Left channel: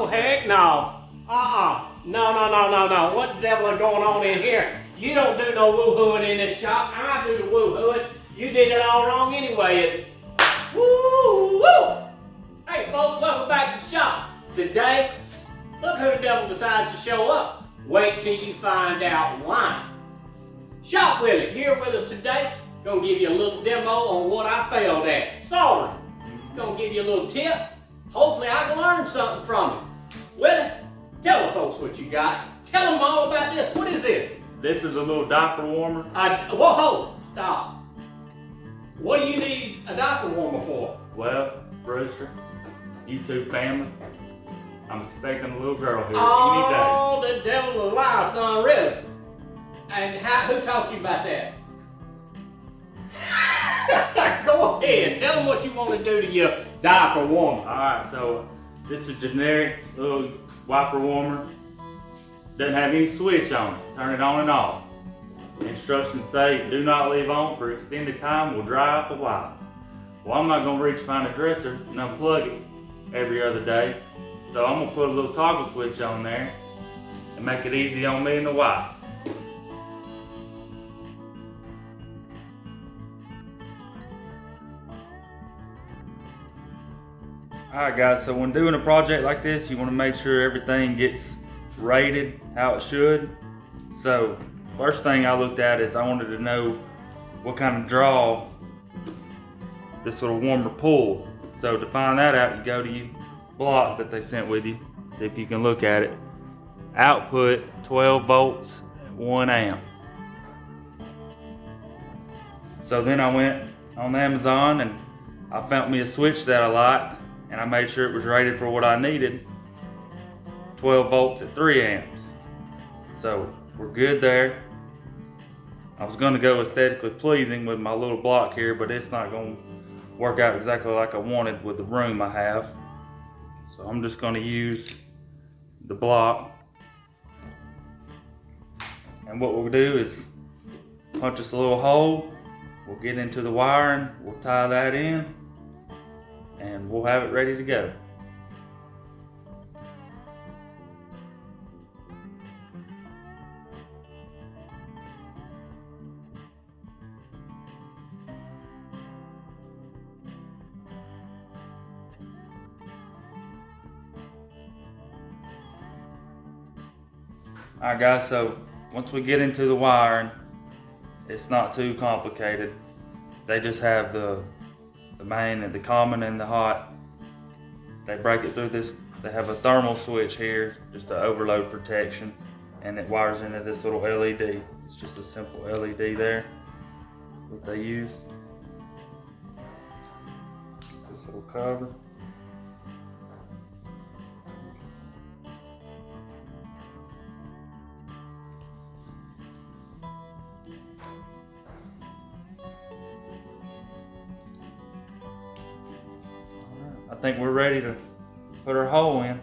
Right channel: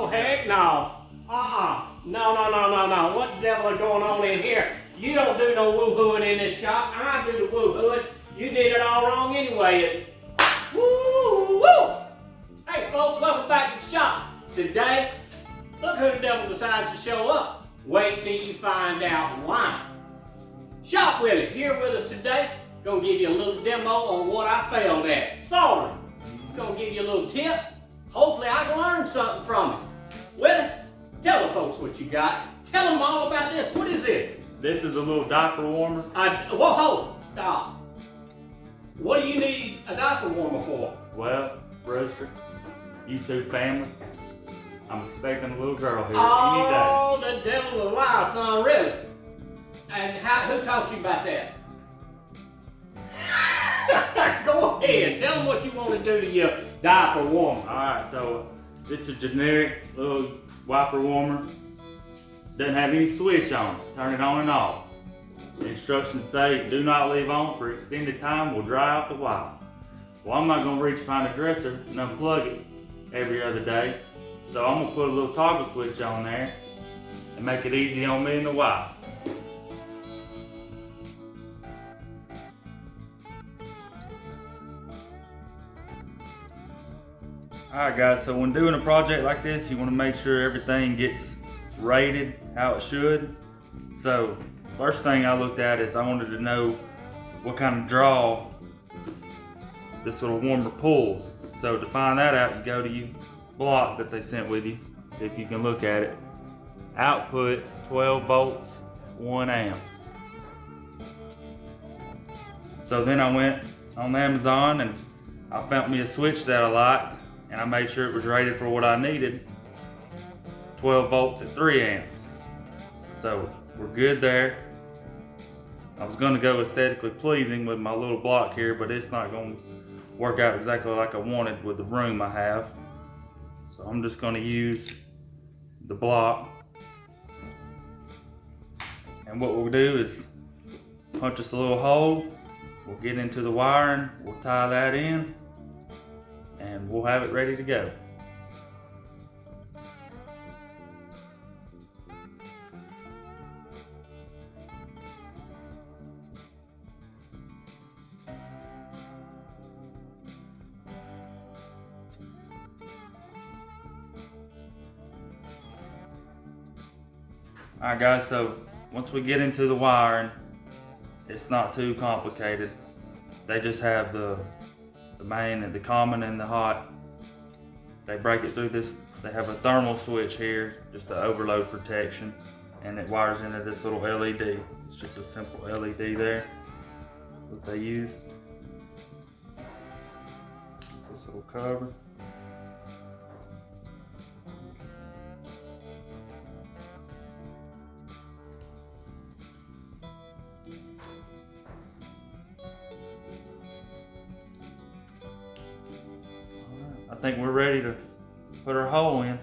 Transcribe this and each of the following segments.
Oh, heck no. No. What the devil is going on in here? You don't do no woo-hooing in this shop. I do the woo-hooing. You did it all wrong anyway. It's woo-woo. Hey, folks, welcome back to the shop. Today, look who the devil decides to show up. Wait till you find out why. ShopWillie here with us today. Gonna give you a little demo on what I failed at. Soldering. Gonna give you a little tip. Hopefully I can learn something from it. Willie, tell the folks what you got. Tell them all about this. What is this? This is a little diaper warmer. Whoa, stop. What do you need a diaper warmer for? Well, Brewster, YouTube family, I'm expecting a little girl here Oh, any day. The devil is a lie, son, really. And who taught you about that? Go ahead, tell them what you want to do to your diaper warmer. Alright, so this is a generic little wiper warmer. Doesn't have any switch on it. Turn it on and off. The instructions say do not leave on for extended time, will dry out the wipes. Well, I'm not going to reach behind the dresser and unplug it every other day. So I'm going to put a little toggle switch on there and make it easy on me and the wife. Alright guys, so when doing a project like this, you want to make sure everything gets rated how it should. So first thing I looked at is I wanted to know what kind of draw this little warmer pulled. So to find that out, you go to your block that they sent with you, see if you can look at it. Output 12 volts, 1 amp. So then I went on Amazon and I found me a switch that I liked, and I made sure it was rated for what I needed, 12 volts at 3 amps. So we're good there. I was gonna go aesthetically pleasing with my little block here, but it's not gonna work out exactly like I wanted with the room I have. So I'm just gonna use the block. And what we'll do is punch us a little hole. We'll get into the wiring, we'll tie that in, and we'll have it ready to go. Alright guys, so once we get into the wiring, it's not too complicated. They just have the main and the common and the hot. They break it through this, they have a thermal switch here, just to overload protection, and it wires into this little LED. It's just a simple LED there, what they use. This little cover. I think we're ready to put our hole in,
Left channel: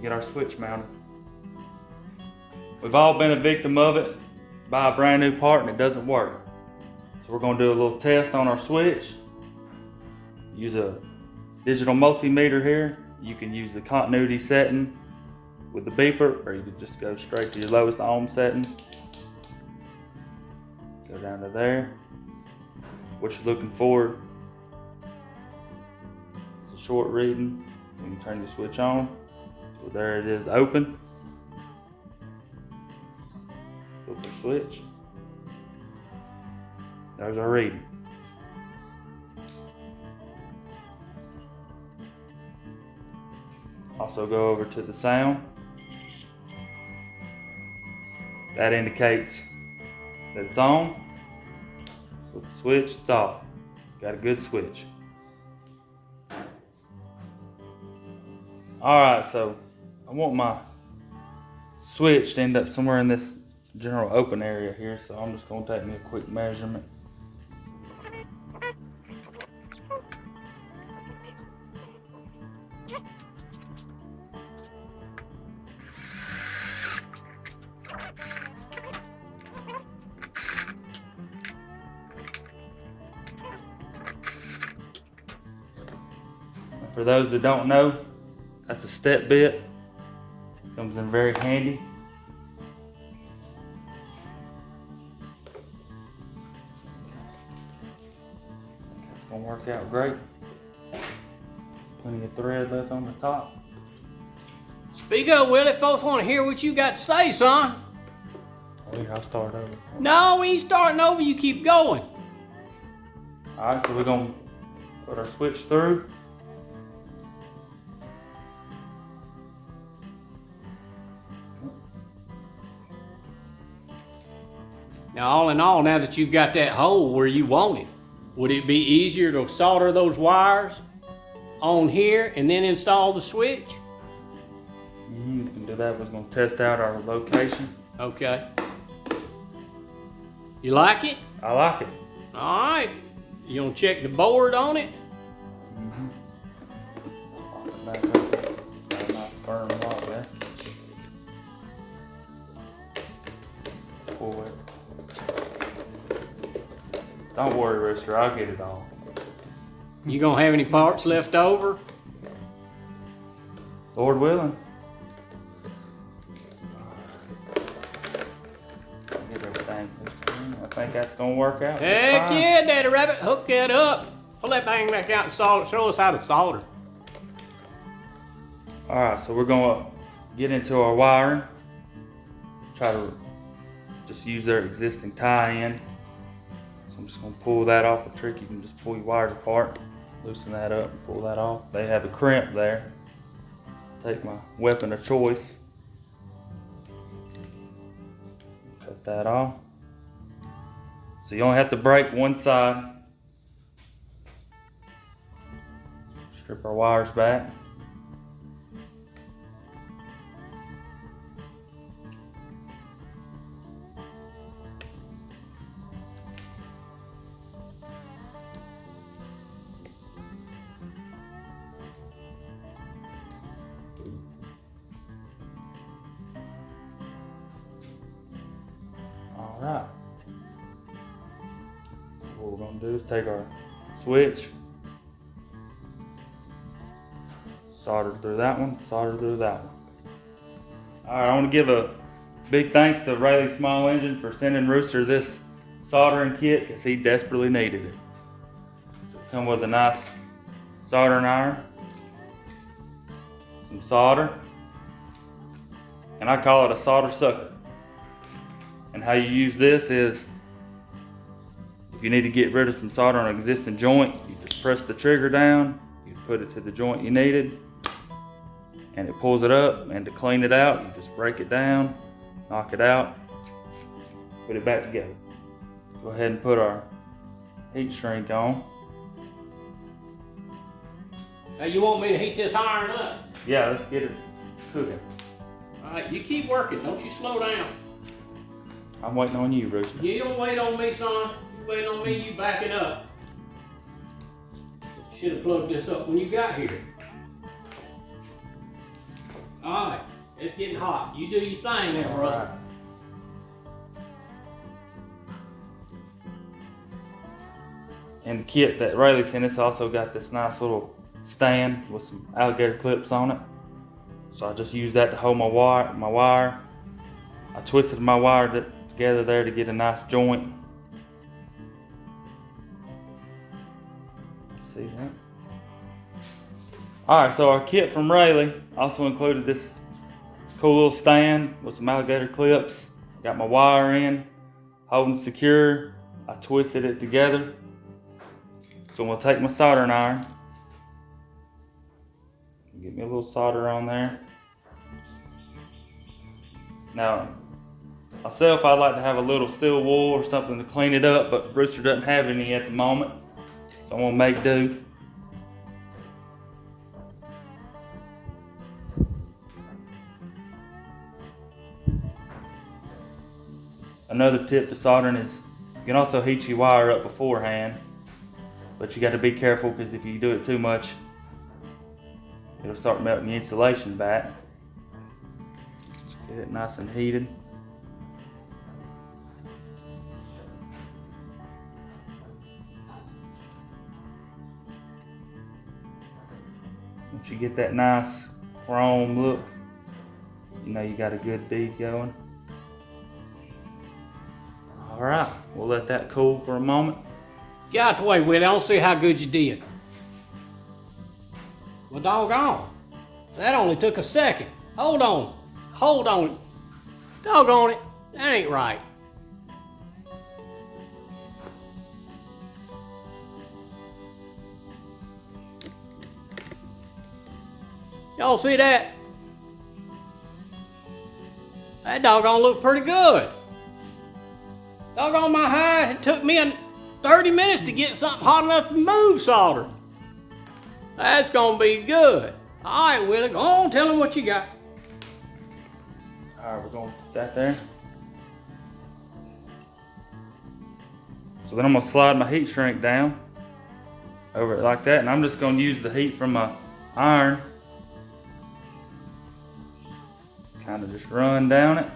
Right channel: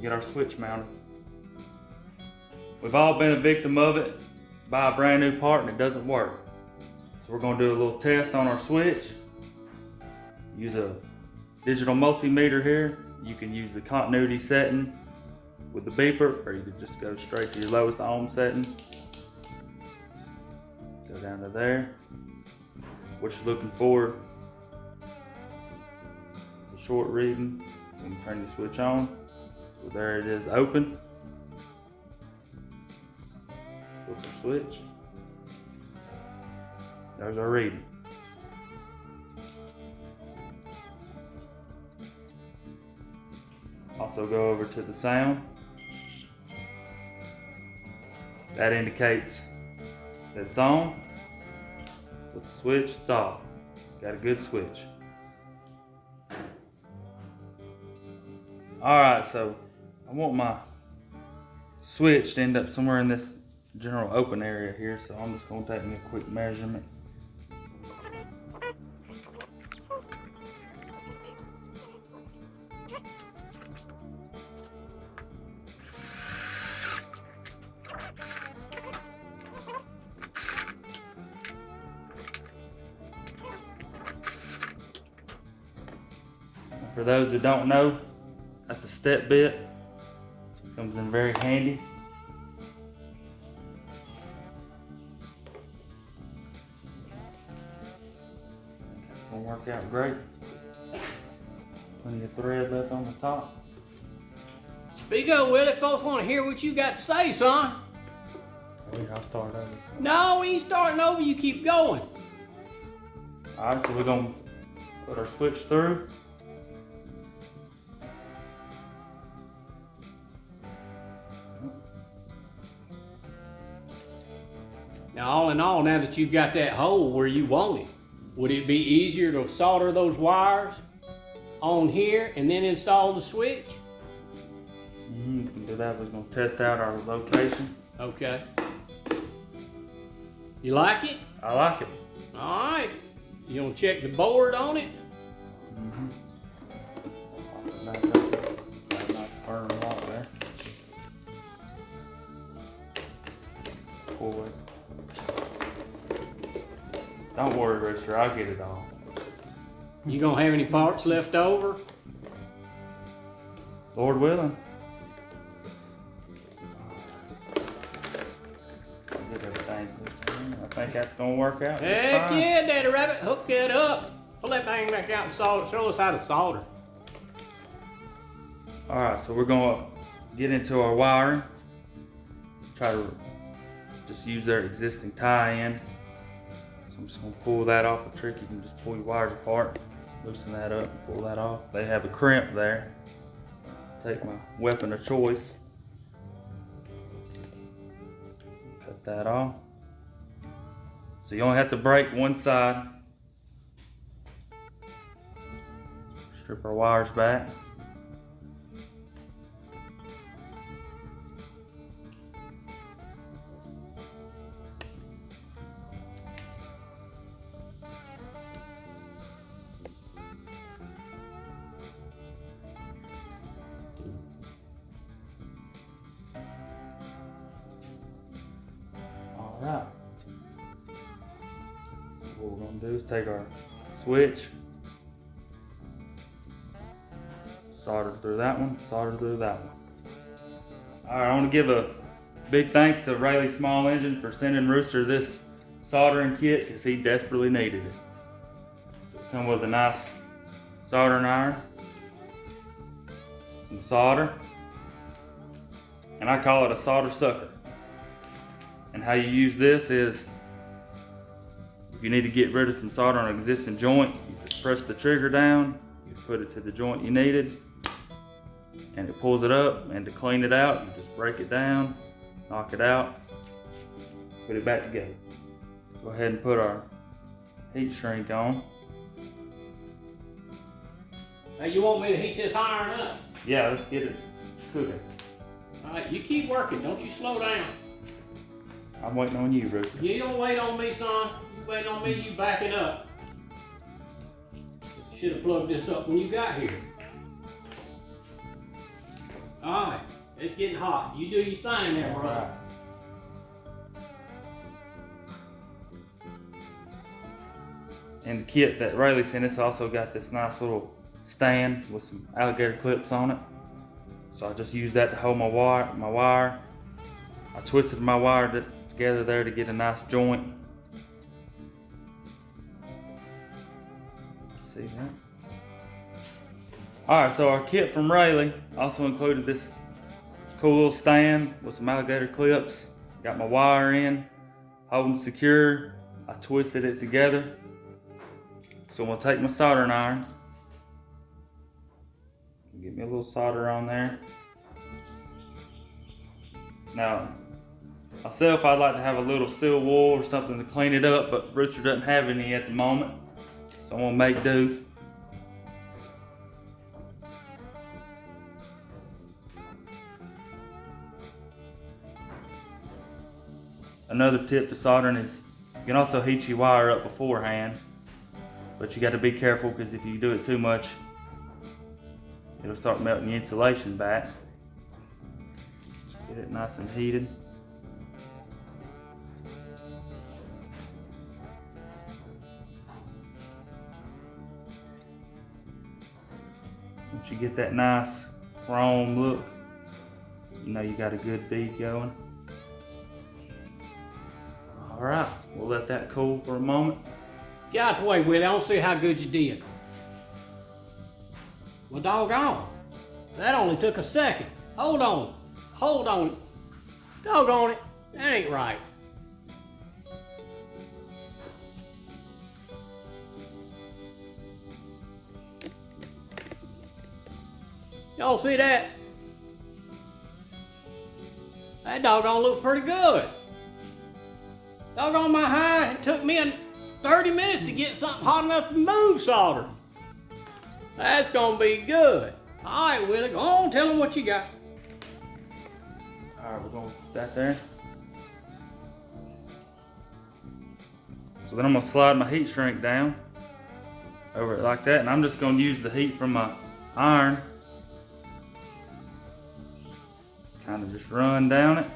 get our switch mounted. We've all been a victim of it. Buy a brand new part and it doesn't work. So we're going to do a little test on our switch. Use a digital multimeter here. You can use the continuity setting with the beeper, or you can just go straight to your lowest ohm setting. Go down to there. What you're looking for, short reading. You can turn the switch on. So there it is, open. Flip the switch. There's our reading. Also go over to the sound. That indicates that it's on. With the switch, it's off. Got a good switch. Alright, so I want my switch to end up somewhere in this general open area here, so I'm just going to take me a quick measurement. For those that don't know, That's a step bit. Comes in very handy. That's gonna work out great. Plenty of thread left on the top. Speak up, Willie. Folks want to hear what you got to say, son. Here, I'll start over. No, we ain't starting over. You keep going. Alright, so we're gonna put our switch through. Now, all in all, now that you've got that hole where you want it, would it be easier to solder those wires on here and then install the switch? We can do that. We're gonna test out our location. Okay. You like it? I like it. All right. You gonna check the board on it? Back up there. Got a nice firm lock there. Pull it. Don't worry, Rooster. I'll get it all. You gonna have any parts left over? Lord willing. Get everything hooked in. I think that's gonna work out. Heck yeah, Daddy Rabbit. Hook that up. Pull that thing back out and solder. Show us how to solder. Alright, so we're gonna get into our wiring. Try to just use their existing tie-in. So I'm just gonna pull that off a trick. You can just pull your wires apart, loosen that up, and pull that off. They have a crimp there. Take my weapon of choice. Cut that off. So you only have to break one side. Strip our wires back. Alright. So what we're going to do is take our switch, solder through that one, solder through that one. Alright, I want to give a big thanks to Rayleigh Small Engine for sending Rooster this soldering kit because he desperately needed it. So it's come with a nice soldering iron, some solder, and I call it a solder sucker. And how you use this is, if you need to get rid of some solder on an existing joint, you just press the trigger down, you put it to the joint you needed, and it pulls it up. And to clean it out, you just break it down, knock it out, put it back together. Go ahead and put our heat shrink on. Now you want me to heat this iron up? Yeah, let's get it cooking. All right, you keep working. Don't you slow down. I'm waiting on you, Rooster. You don't wait on me, son. You wait on me, you backing up. Should have plugged this up when you got here. All right, it's getting hot. You do your thing there, brother. Alright. And the kit that Rayleigh sent us also got this nice little stand with some alligator clips on it. So I just used that to hold my wire. I twisted my wire together there to get a nice joint. See that? Alright, so our kit from Rayleigh also included this cool little stand with some alligator clips. Got my wire in, holding secure. I twisted it together. So I'm gonna take my soldering iron. Get me a little solder on there. Now, myself, I'd like to have a little steel wool or something to clean it up, but Rooster doesn't have any at the moment. So I'm gonna make do. Another tip to soldering is you can also heat your wire up beforehand, but you got to be careful because if you do it too much, it'll start melting the insulation back. Just get it nice and heated. Once you get that nice chrome look. You know you got a good bead going. Alright, we'll let that cool for a moment. Get out the way, Willie. I don't see how good you did. Well, doggone. That only took a second. Hold on. Hold on. Doggone it. That ain't right. Y'all see that? That doggone look pretty good. Doggone my high, it took me 30 minutes to get something hot enough to move solder. That's gonna be good. All right, Willie, go on, tell him what you got. All right, we're gonna put that there. So then I'm gonna slide my heat shrink down over it like that, and I'm just gonna use the heat from my iron. Kind of just run down it.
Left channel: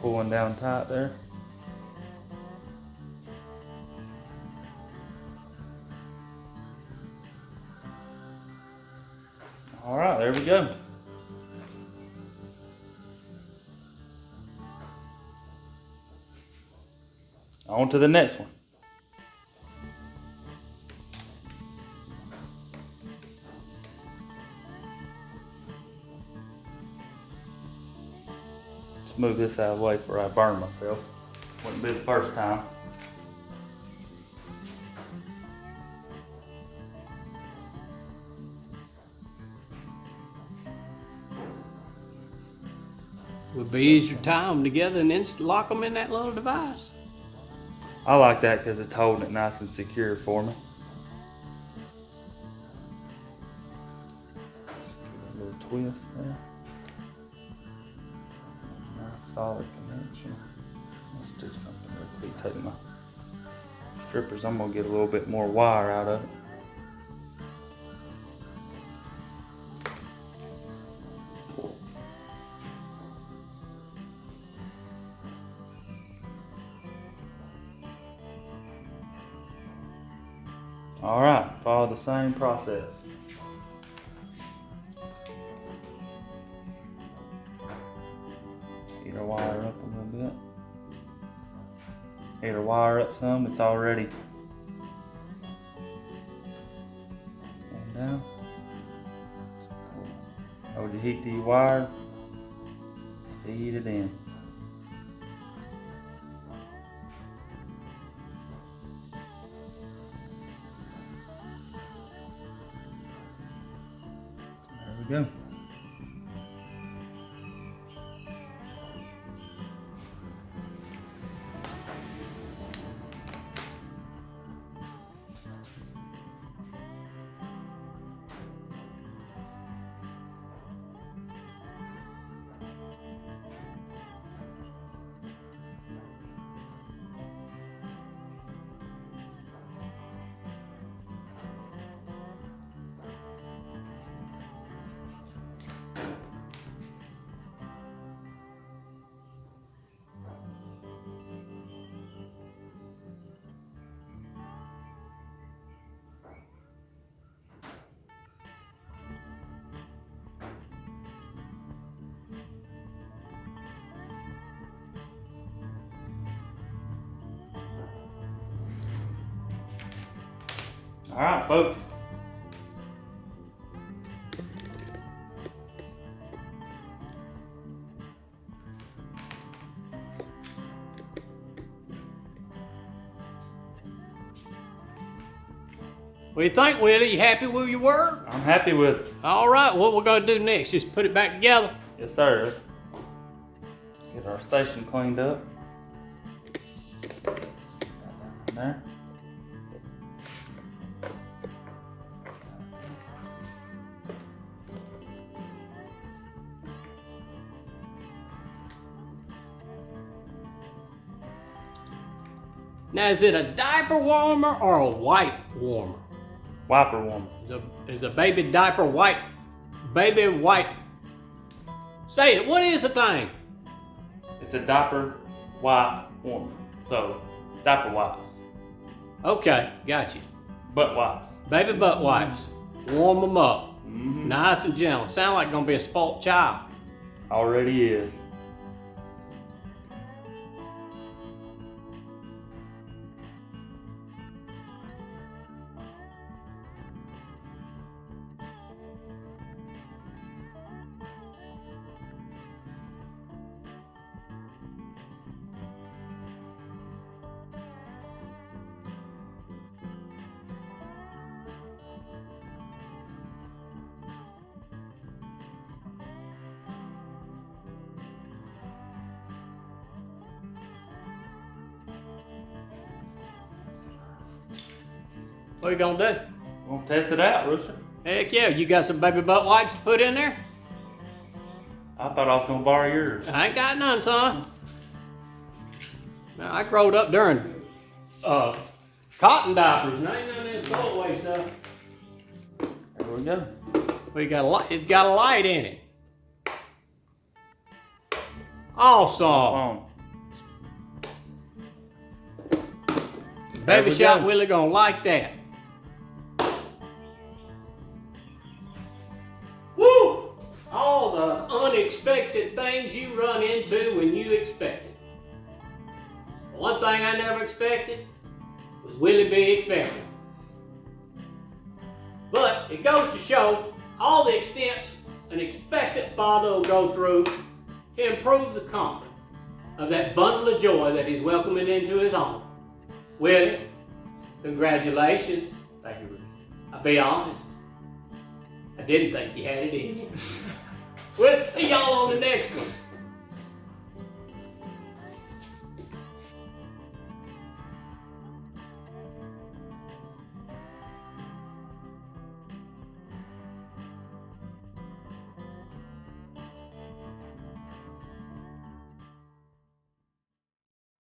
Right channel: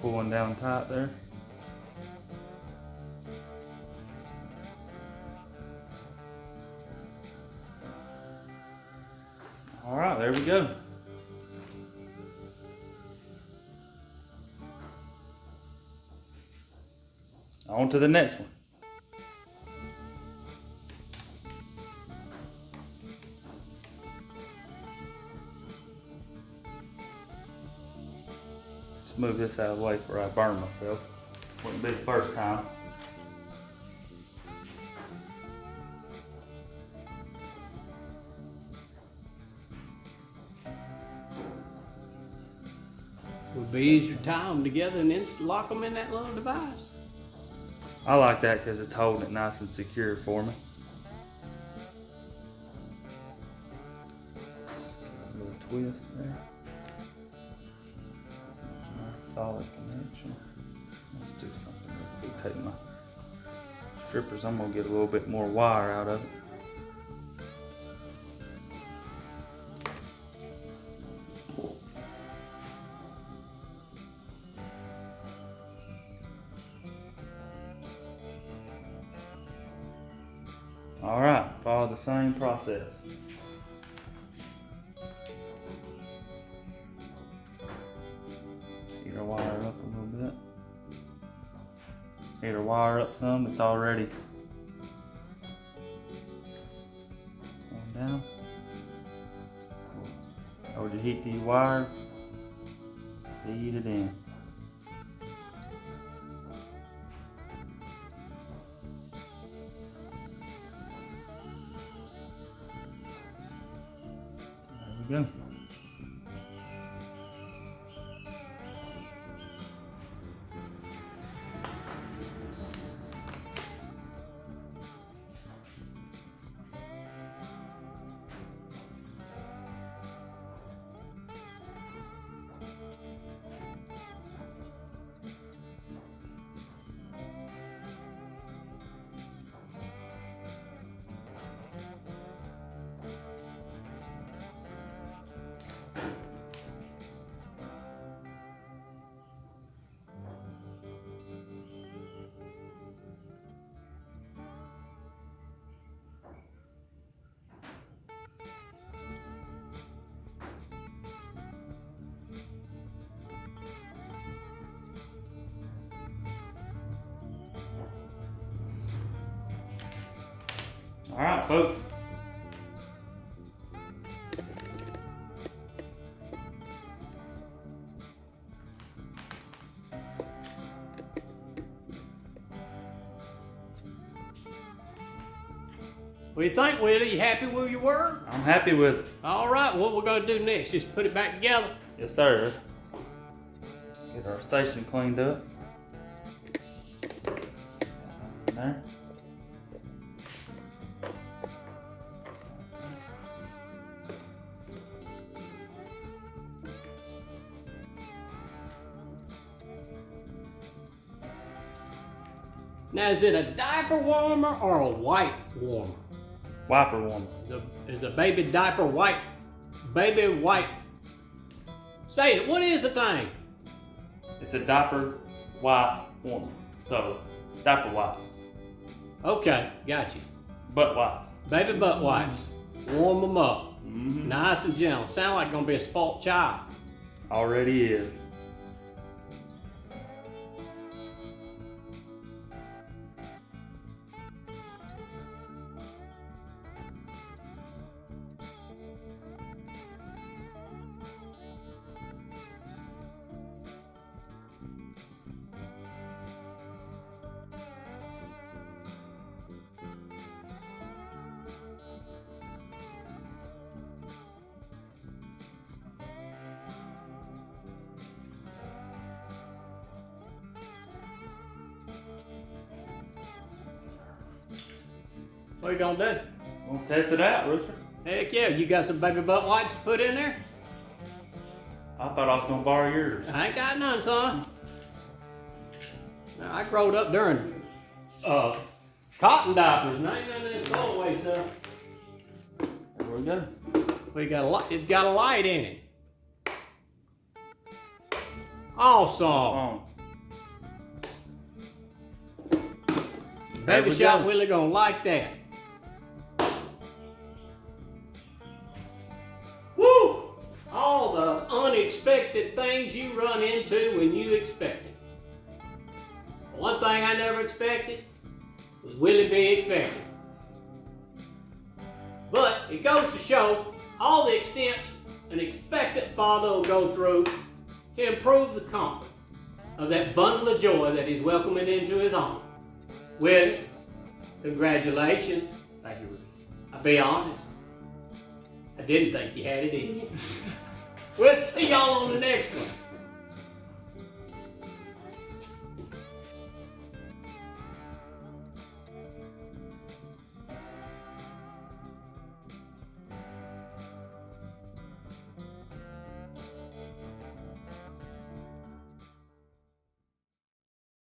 Pulling down tight there. All right, there we go. On to the next one. Let's move this out of the way before I burn myself. Wouldn't be the first time. Would be easier to tie them together and then lock them in that little device. I like that because it's holding it nice and secure for me. A little twist there. Nice solid connection. Let's do something real quick. Take my strippers. I'm gonna get a little bit more wire out of it. All right, follow the same process. Get our wire up a little bit. Get our wire up some. It's already going down. Hold your heat to your wire. Feed it in. There we go. All right, folks. What do you think, Willie? You happy with your work? I'm happy with it. All right, what we're gonna do next? Just put it back together. Yes, sir. Let's get our station cleaned up. There. Now, is it a diaper warmer or a white warmer? Wiper warmer. Is a baby diaper white? Baby white. Say it, what is the thing? It's a diaper wipe warmer. So, diaper wipes. Okay, got you. Butt wipes. Baby butt wipes. Warm them up. Mm-hmm. Nice and gentle. Sound like gonna be a spoiled child. Already is. What you gonna do? We'll test it out, Rooster. Heck yeah, you got some baby butt wipes to put in there? I thought I was gonna borrow yours. I ain't got none, son. Now, I growed up during cotton diapers, and I ain't none of that throwaway stuff. There we go. We got a light. It's got a light in it. Awesome. Baby Shop Willie gonna like that. Woo! All the unexpected things you run into when you expect it. One thing I never expected was Willie be expected. But it goes to show all the extents an expectant father will go through to improve the comfort of that bundle of joy that he's welcoming into his home. Willie, congratulations. Thank you, Rooster. I'll be honest, I didn't think you had it in you.